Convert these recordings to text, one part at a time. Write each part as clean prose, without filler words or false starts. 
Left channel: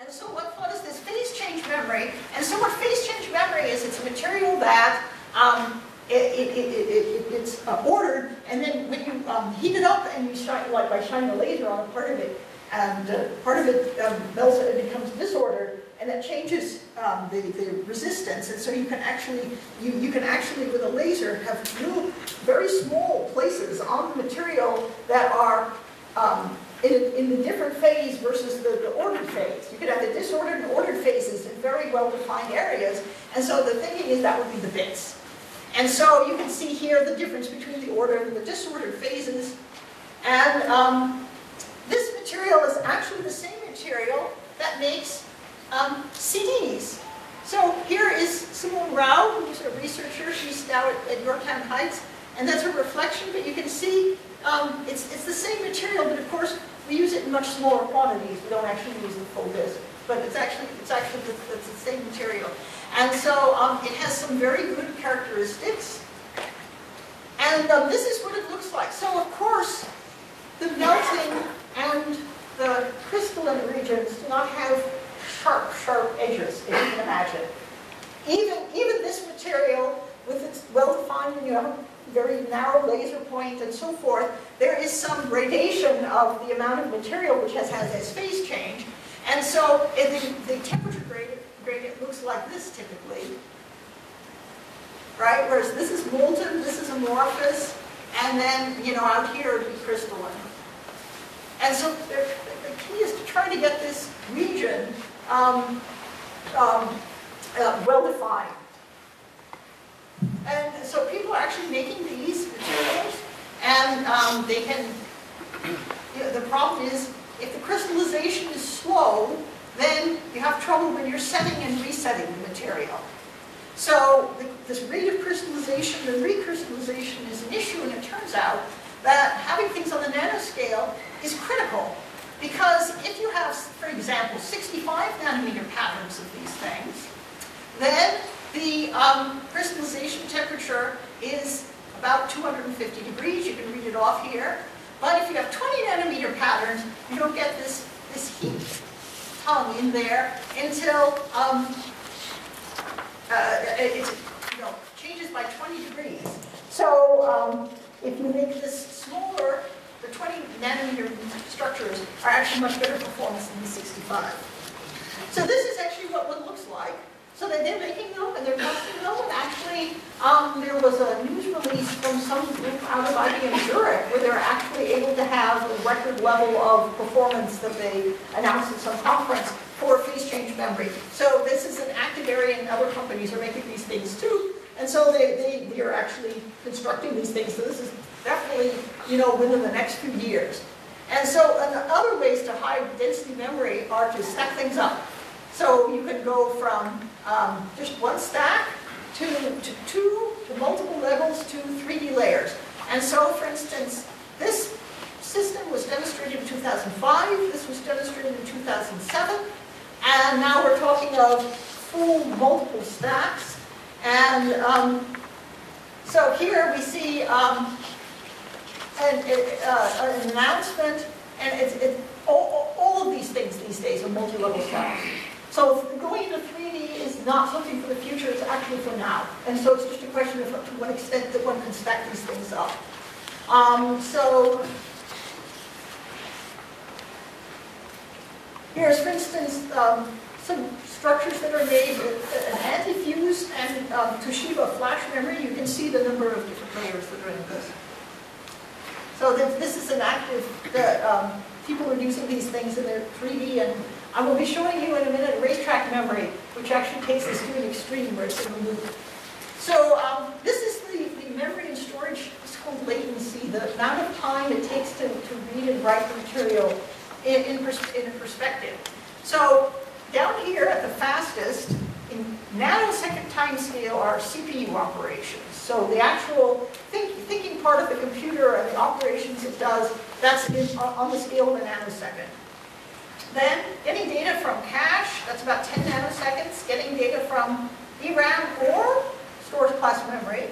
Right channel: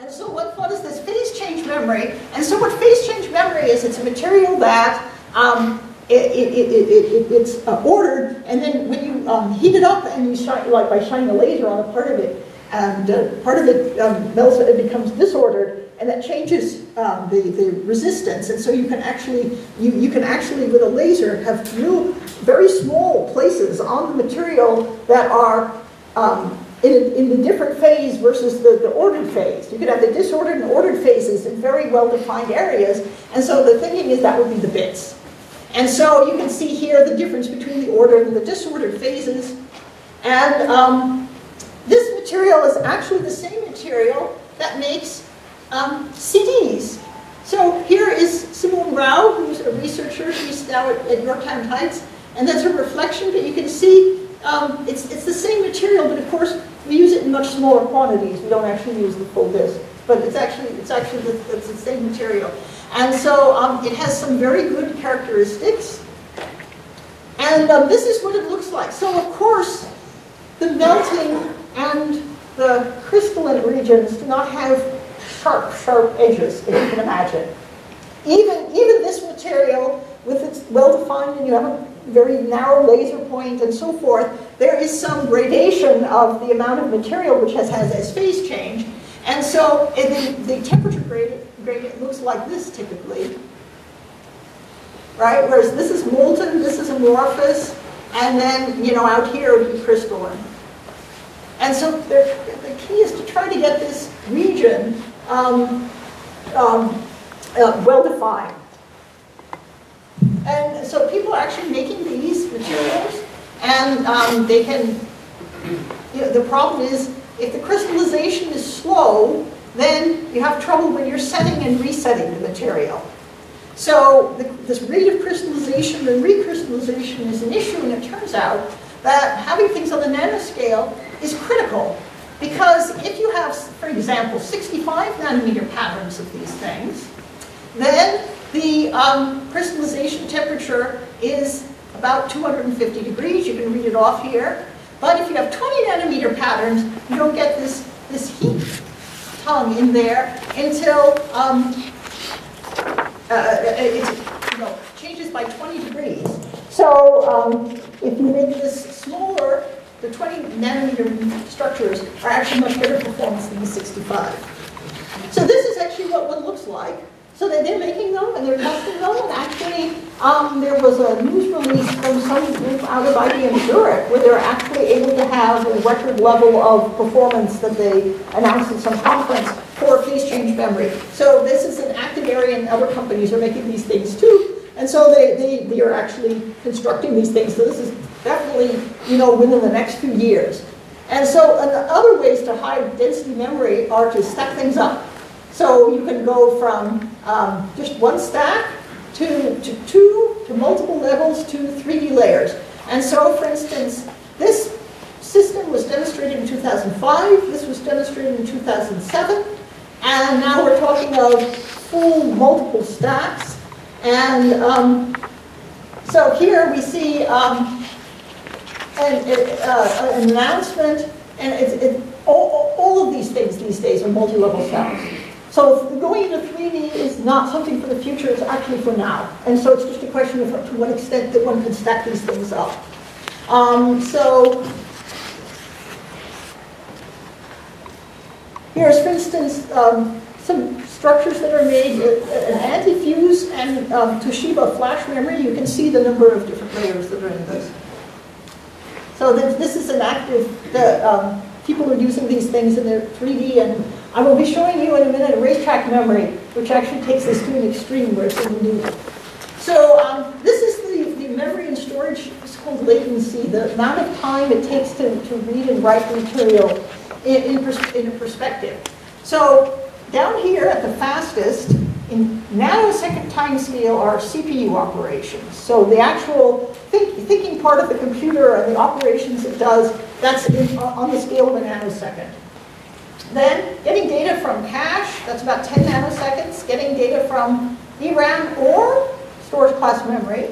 And so what is this phase change memory? And so what phase change memory is, it's a material that it's ordered, and then when you heat it up and you shine, like by shining a laser on a part of it, and part of it melts, it becomes disordered, and that changes the resistance. And so you can actually with a laser have very small places on the material that are in the different phase versus the ordered phase. You could have the disordered and ordered phases in very well-defined areas, and so the thinking is that would be the bits. And so you can see here the difference between the ordered and the disordered phases. And this material is actually the same material that makes CDs. So here is Simone Rao, who's a researcher. She's now at Yorktown Heights, and that's her reflection. But you can see it's the same material, but of course we use it in much smaller quantities. We don't actually use the full disk, but it's actually the same material. And so it has some very good characteristics. And this is what it looks like. So of course, the melting and the crystalline regions do not have sharp edges, if you can imagine. Even this material, with its well-defined, and you have a very narrow laser point and so forth, there is some gradation of the amount of material which has as phase change. And so the temperature gradient looks like this typically, right? Whereas this is molten, this is amorphous, and then, out here it would be crystalline. And so the key is to try to get this region well-defined. And so people are actually making these materials, and they can, the problem is, if the crystallization is slow, then you have trouble when you're setting and resetting the material. So this rate of crystallization and recrystallization is an issue, and it turns out that having things on the nanoscale is critical. Because if you have, for example, 65 nanometer patterns of these things, then the crystallization temperature is about 250 degrees. You can read it off here. But if you have 20 nanometer patterns, you don't get this heat tongue in there until it changes by 20 degrees. So if you make this smaller, the 20 nanometer structures are actually much better performance than the 65. So this is actually what one looks like. So they're making them and they're testing them, and actually there was a news release from some group out of IBM Zurich where they're actually able to have a record level of performance that they announced at some conference for phase change memory. So this is an active area, and other companies are making these things too. And so they are actually constructing these things. So this is definitely, within the next few years. And so other ways to high density memory are to stack things up. So you can go from just one stack to two, to multiple levels, to 3D layers. And so, for instance, this system was demonstrated in 2005. This was demonstrated in 2007. And now we're talking of full multiple stacks. And so here we see an announcement. And all of these things these days are multi-level cells. So going into 3D is not something for the future, it's actually for now. And so it's just a question of to what extent that one can stack these things up. So here's, for instance, some structures that are made, an anti-fuse and Toshiba flash memory. You can see the number of different layers that are in this. So this is an active, people are using these things in their 3D, and I will be showing you in a minute a racetrack memory, which actually takes this to an extreme where it's in the loop. So this is the memory and storage. It's called latency, the amount of time it takes to read and write the material in a perspective. So down here at the fastest, in nanosecond time scale, are CPU operations. So the actual thinking part of the computer and the operations it does, that's on the scale of a nanosecond. Then getting data from cache, that's about 10 nanoseconds. Getting data from DRAM or storage class memory,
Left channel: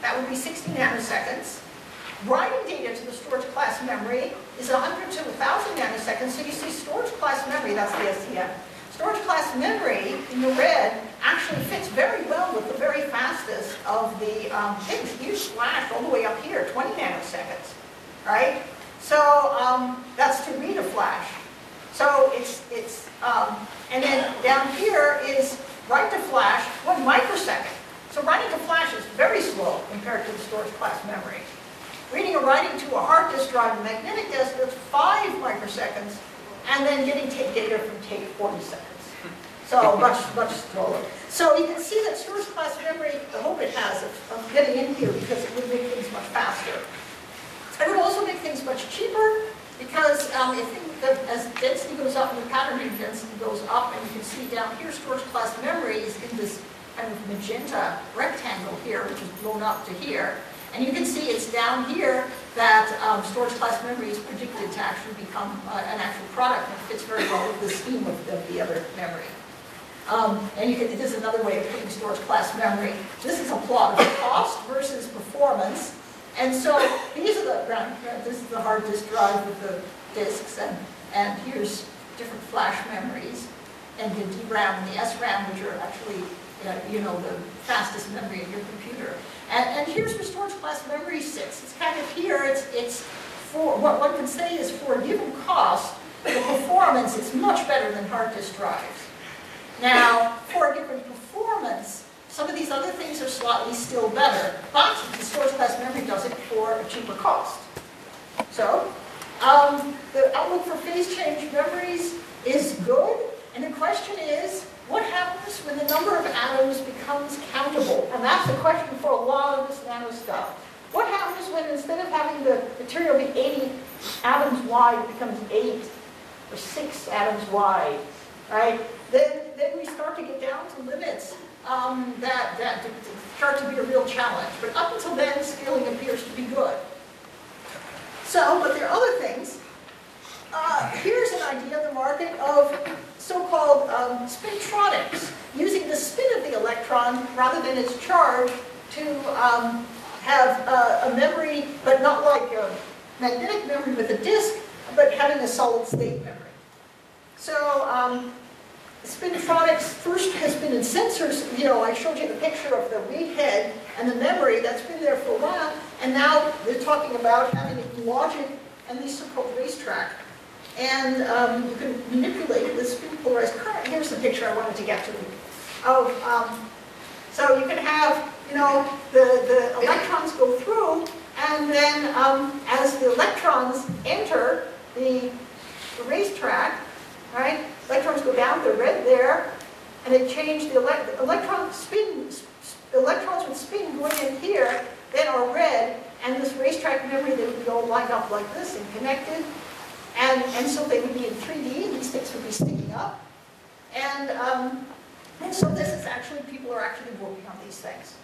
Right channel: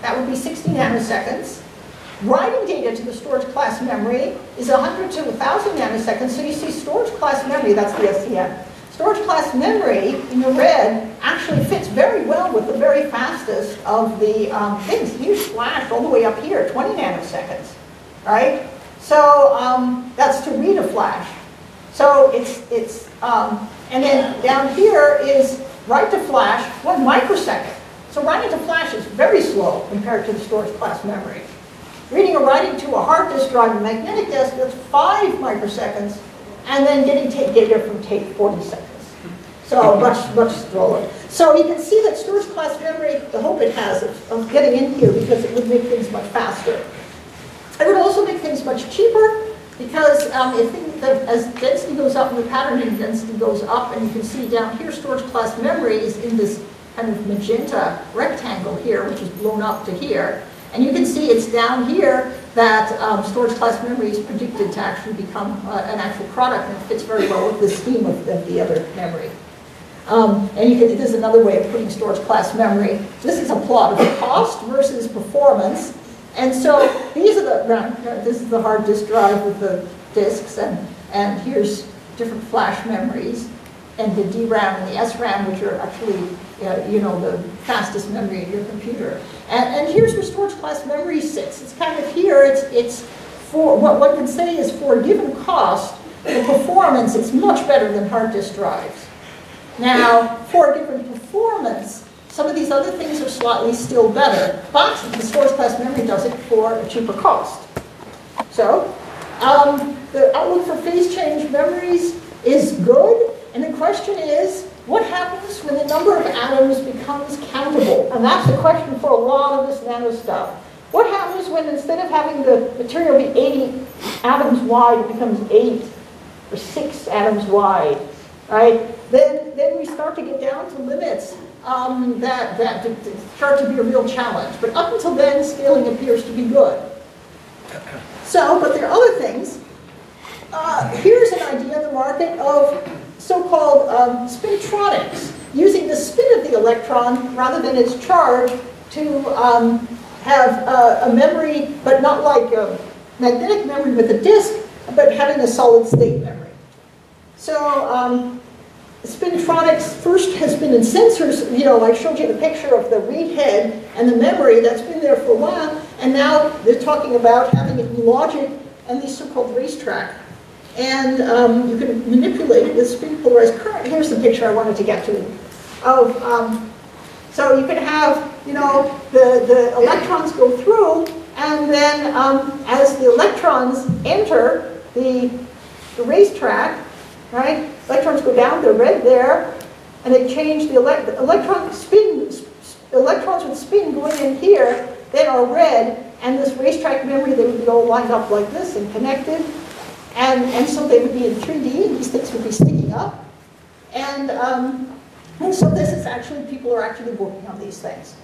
that would be 60 nanoseconds. Writing data to the storage class memory is 100 to 1,000 nanoseconds. So you see storage class memory, that's the SCM. storage class memory in the red actually fits very well with the very fastest of the things. Here's flash all the way up here, 20 nanoseconds, right? So that's to read a flash. So and then down here is write to flash, 1 microsecond. So writing to flash is very slow compared to the storage class memory. Reading or writing to a hard disk drive and magnetic disk, that's 5 microseconds, and then getting data from tape, 40 seconds. So much slower. So you can see that storage class memory, the hope it has of getting in here, because it would make things much faster. It would also make things much cheaper, because as density goes up and the patterning density goes up, and you can see down here storage class memory is in this kind of magenta rectangle here, which is blown up to here. And you can see it's down here that storage class memory is predicted to actually become an actual product, and it fits very well with the scheme of the other memory. And there's another way of putting storage class memory. This is a plot of cost versus performance. And so these are this is the hard disk drive with the disks, and here's different flash memories, and the DRAM and the SRAM, which are actually the fastest memory in your computer. And here's where storage class memory sits. It's kind of here. It's for what one can say is for a given cost, the performance is much better than hard disk drives. Now, for a given performance, some of these other things are slightly still better, but the storage class memory does it for a cheaper cost. So, the outlook for phase change memories is good, and the question is, what happens when the number of atoms becomes countable? And that's the question for a lot of this nano stuff. What happens when instead of having the material be 80 atoms wide, it becomes 8 or 6 atoms wide, right? Then we start to get down to limits that start to be a real challenge. But up until then, scaling appears to be good. So, but there are other things. Here's an idea in the market of so-called spintronics, using the spin of the electron rather than its charge to have a memory, but not like a magnetic memory with a disk, but having a solid-state memory. So spintronics first has been in sensors. I showed you the picture of the read head and the memory that's been there for a while, and now they're talking about having it in logic and these so-called racetrack. And you can manipulate it with spin polarized current. Here's the picture I wanted to get to. So you can have, the electrons go through, and then as the electrons enter the racetrack, right? Electrons go down, they're red there, and they change the electrons with spin going in here, then are red, and this racetrack memory, they would be all lined up like this and connected. And so they would be in 3D, and these things would be sticking up. And so this is actually, people are actually working on these things.